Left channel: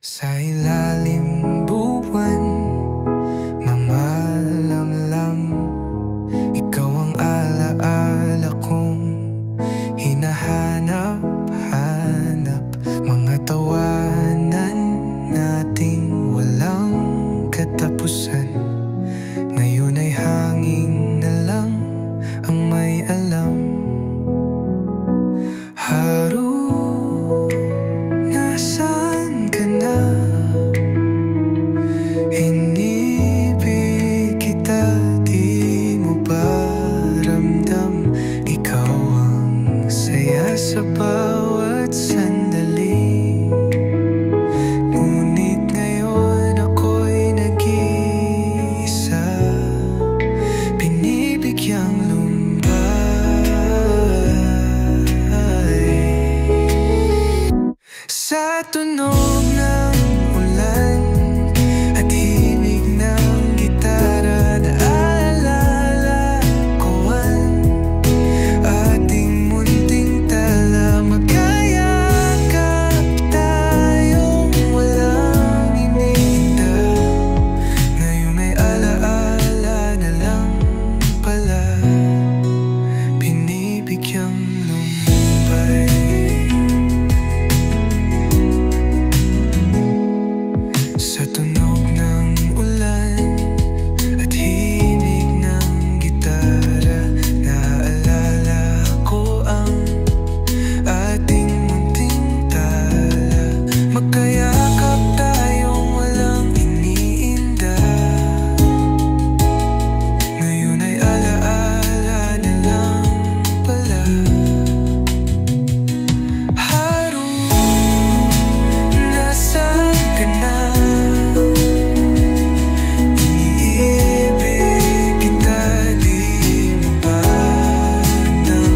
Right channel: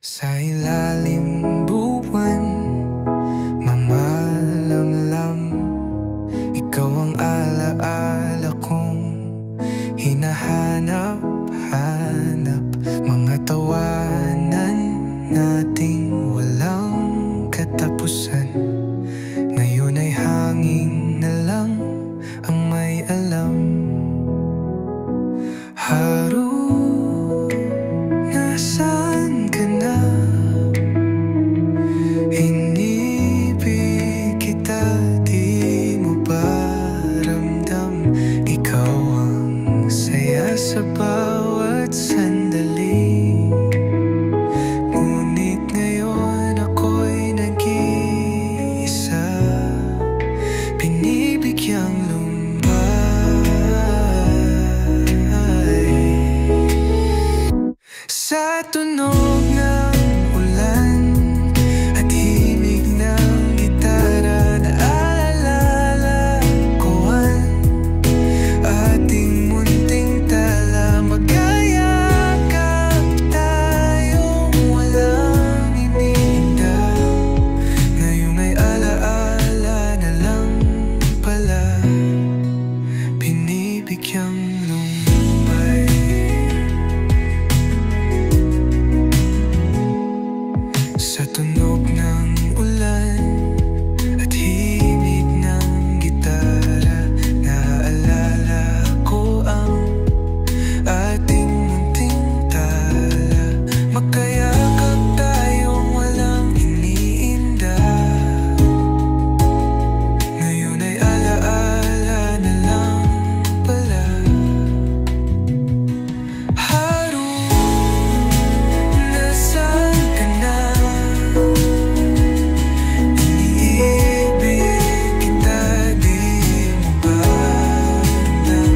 Sa ilalim buwan, mamalamlam, ikaw ang alaala kong hinahanap-hanap. Mga tawanan nating walang katapusan, ngayon ay hangin na lang ang may alam. Haru, nasaan ka na? Inibig kita, di mo ba ramdam? Ikaw ang saya sa bawat sandali. Ngunit ngayon ako'y nag-iisa, binibigyang lumbay. Sa tunog ng ulan at himig ng gitara, naalala ko ang ating munting tala. Magkayakap tayong walang iniinda, ngayong ay alaala na lang pala, binibigyang lumbay. Sa tunog ng ulan at himig ng gitara, naaalala ko ang ating munting tala. Magkayakap tayong walang iniinda, ngayon ay alaala na lang pala. Haru, nasaan ka na? Iniibig kita, di mo ba ramdam?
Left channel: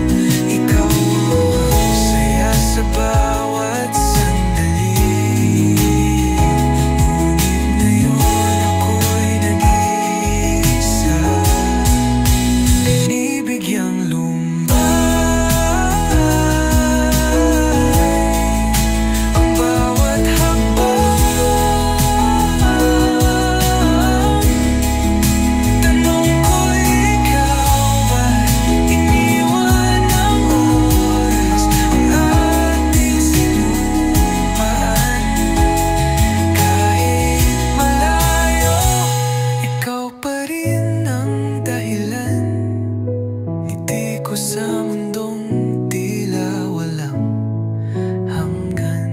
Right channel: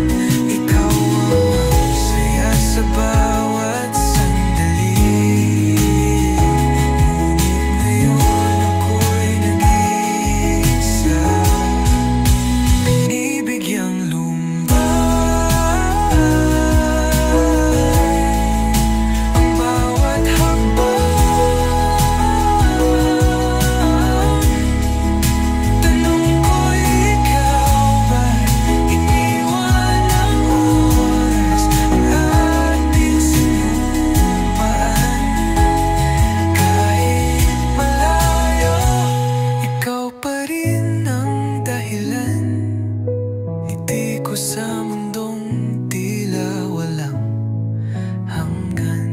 Ikaw ang saya sa bawat sandali. Ngunit ngayon ako'y nag-iisa, binibigyang lumbay. Ang bawat hakbang, tanong ko'y ikaw ba't iniwan ng oras ang ating sinumpaan? Kahit malayo, ikaw pa rin ang dahilan. Ngiti ko sa mundong tila walang hanggan.